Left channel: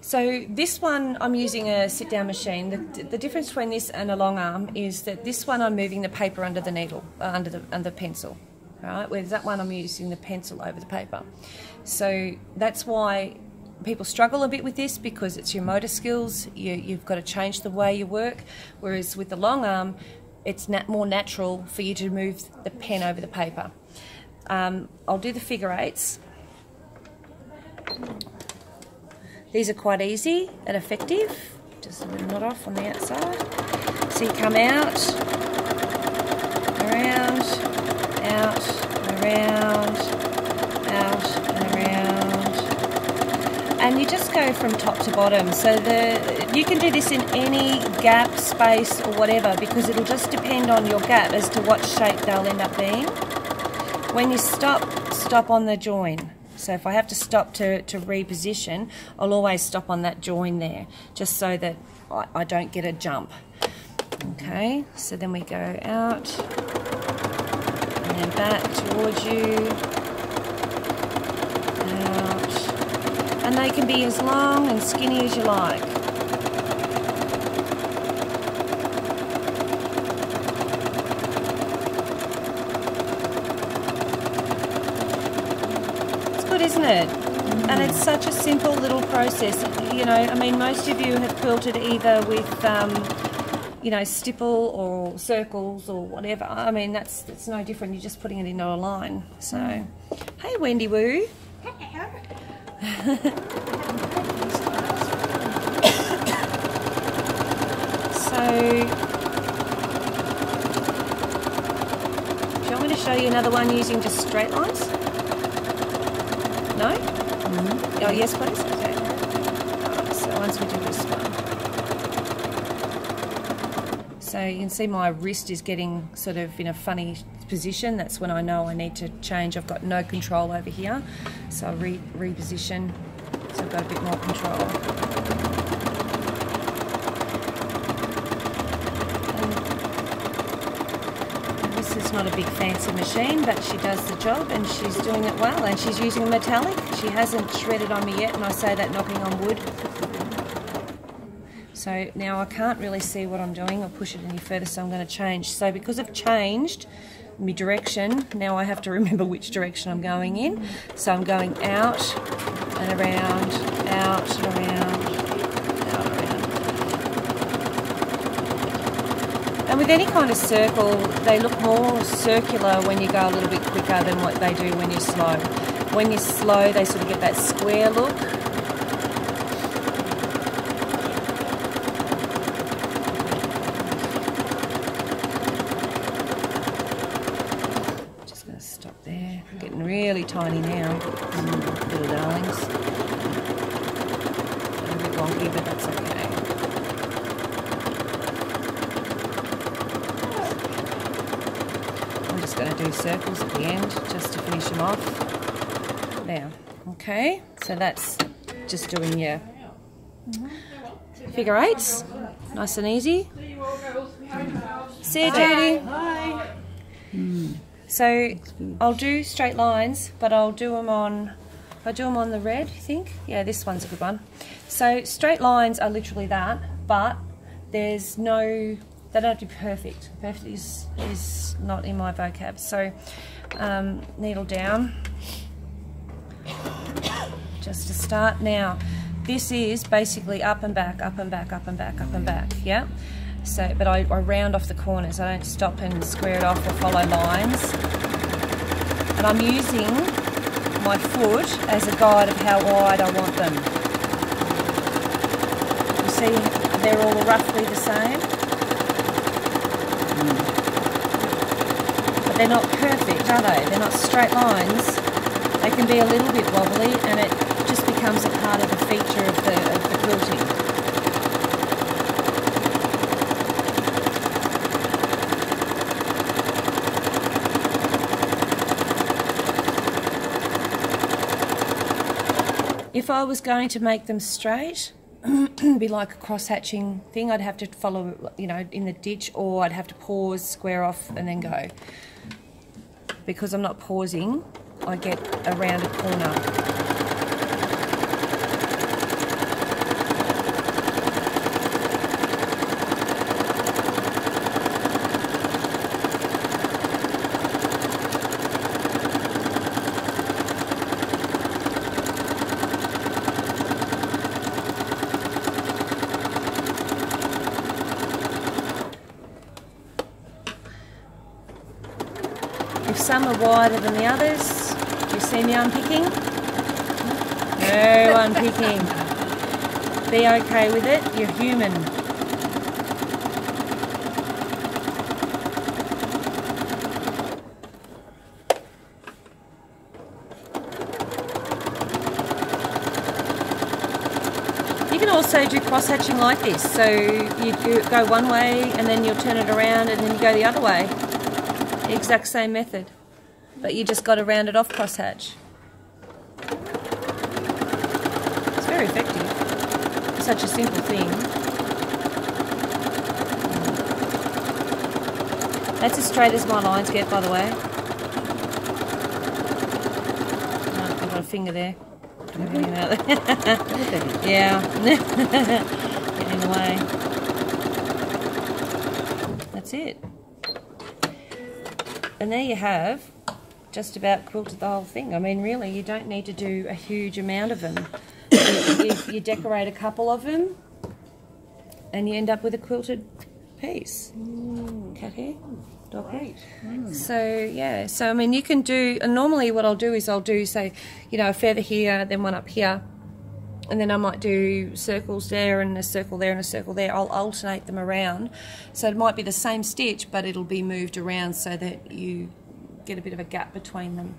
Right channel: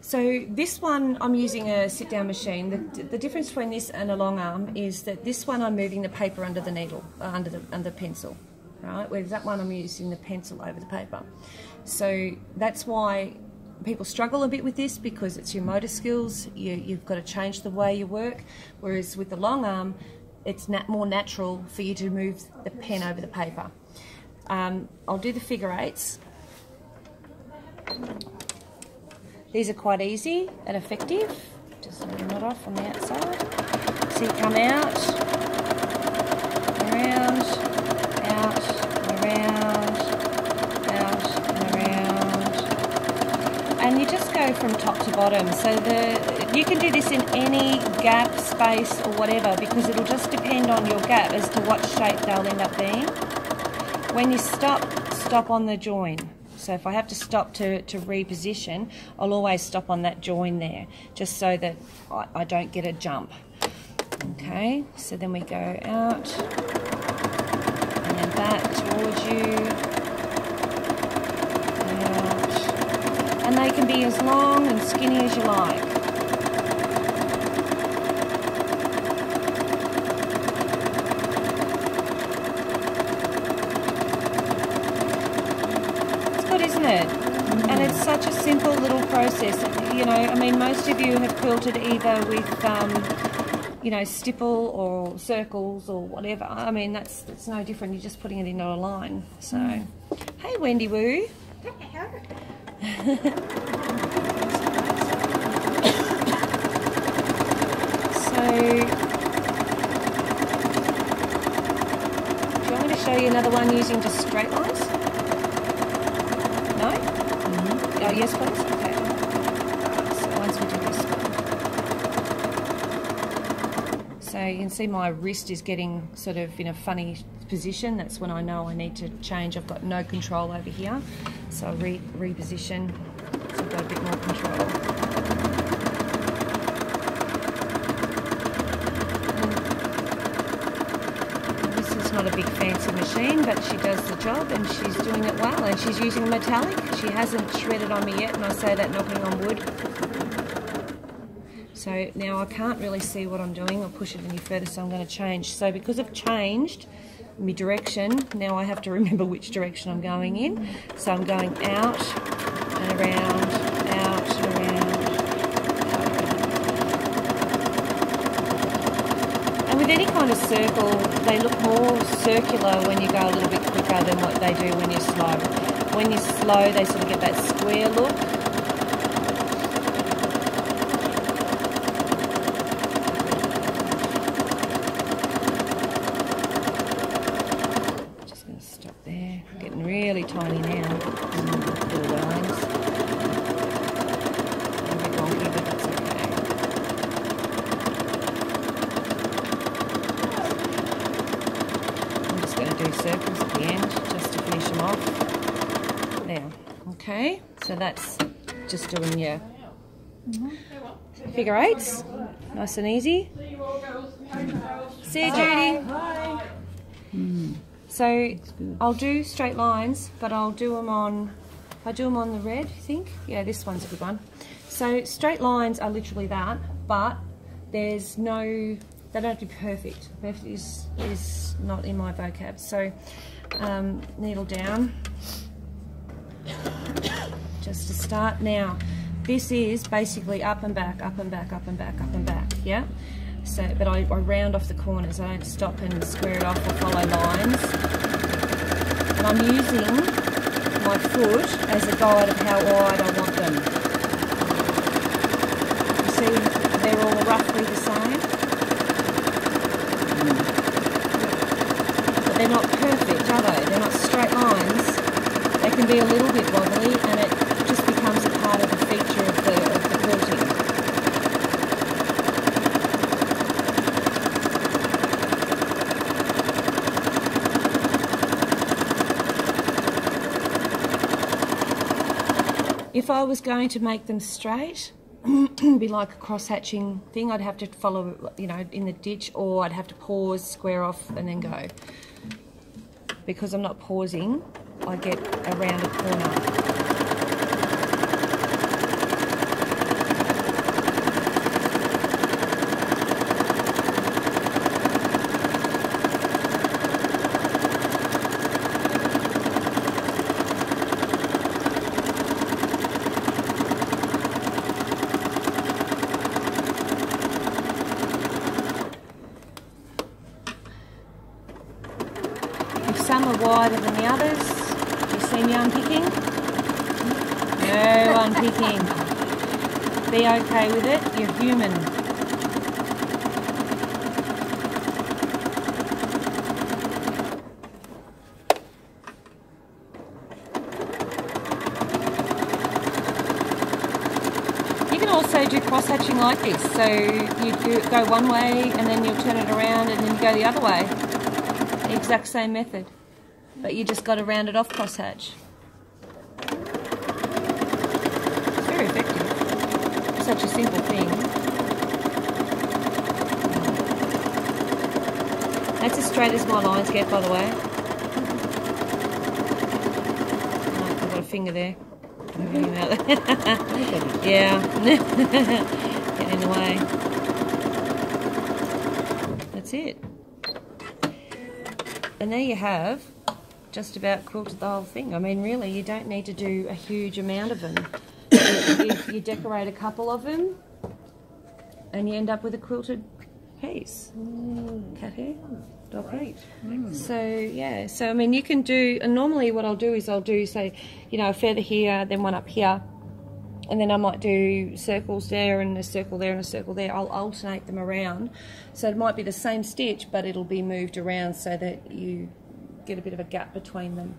So this one, I'm using a sit-down machine. The difference between this and a long arm is that this one I'm moving the paper under the needle, under the pencil, right? Whereas that one I'm using the pencil over the paper. So that's why people struggle a bit with this, because it's your motor skills. You've got to change the way you work. Whereas with the long arm, it's more natural for you to move the pen over the paper. I'll do the figure eights. These are quite easy and effective. Just a little knot off on the outside. So you come out, around, out, around, out, and around. And you just go from top to bottom. So you can do this in any gap, space, or whatever, because it'll just depend on your gap as to what shape they'll end up being. When you stop on the join. So if I have to stop to reposition, I'll always stop on that join there, just so that I don't get a jump. Okay, so then we go out, and then back towards you, out. And they can be as long and skinny as you like. Isn't it? And it's such a simple little process. You know, I mean, most of you have quilted either with, you know, stipple or circles or whatever. I mean, that's no different. You're just putting it into a line. So, hey, Wendy Woo. So, do you want me to show you another one using just straight lines? No? Oh, yes, please. Okay. So once we do this one. So you can see my wrist is getting sort of in a funny position. That's when I know I need to change. I've got no control over here. So reposition, so I've got a bit more control. Not a big fancy machine, but she does the job and she's doing it well, and she's using metallic. She hasn't shredded on me yet, and I say that knocking on wood. So now I can't really see what I'm doing. I'll push it any further, so I'm going to change. So because I've changed my direction, now I have to remember which direction I'm going in. So I'm going out and around, out and around. With any kind of circle, they look more circular when you go a little bit quicker than what they do when you're slow. When you're slow, they sort of get that square look. Just going to stop there. I'm getting really tiny now. Little darlings. A bit wonky, but that's okay. Do circles at the end just to finish them off. Now, okay, so that's just doing your figure eights, nice and easy. See you, Judy. So I'll do straight lines, but I'll do them on the red, I think. Yeah, this one's a good one. So straight lines are literally that, but there's no. They don't have to be perfect. Perfect is not in my vocab. So needle down, just to start. Now, this is basically up and back, up and back, up and back, up and back. Yeah. So, but I round off the corners. I don't stop and square it off or follow lines. And I'm using my foot as a guide of how wide I want them. You see, they're all roughly the same. They're not perfect, are they? They're not straight lines. They can be a little bit wobbly, and it just becomes a part of the feature of the quilting. If I was going to make them straight, it'd be like a cross-hatching thing. I'd have to follow, you know, in the ditch, or I'd have to pause, square off, and then go. Because I'm not pausing, I get a rounded corner. some are wider than the others. You see me unpicking? No unpicking. Be okay with it, you're human. You can also do cross-hatching like this, so you go one way and then you'll turn it around and then you go the other way. The exact same method, but you just got to round it off cross-hatch. It's very effective. It's such a simple thing. That's as straight as my lines get, by the way. Oh, I've got a finger there. Yeah. Get in the way. That's it. And there you have just about quilted the whole thing. I mean, really, you don't need to do a huge amount of them. You decorate a couple of them and you end up with a quilted piece. Cut here. Great. So yeah, so I mean you can do, and normally what I'll do is I'll do, say, you know, a feather here, then one up here, and then I might do circles there and a circle there and a circle there. I'll alternate them around, so it might be the same stitch but it'll be moved around so that you get a bit of a gap between them.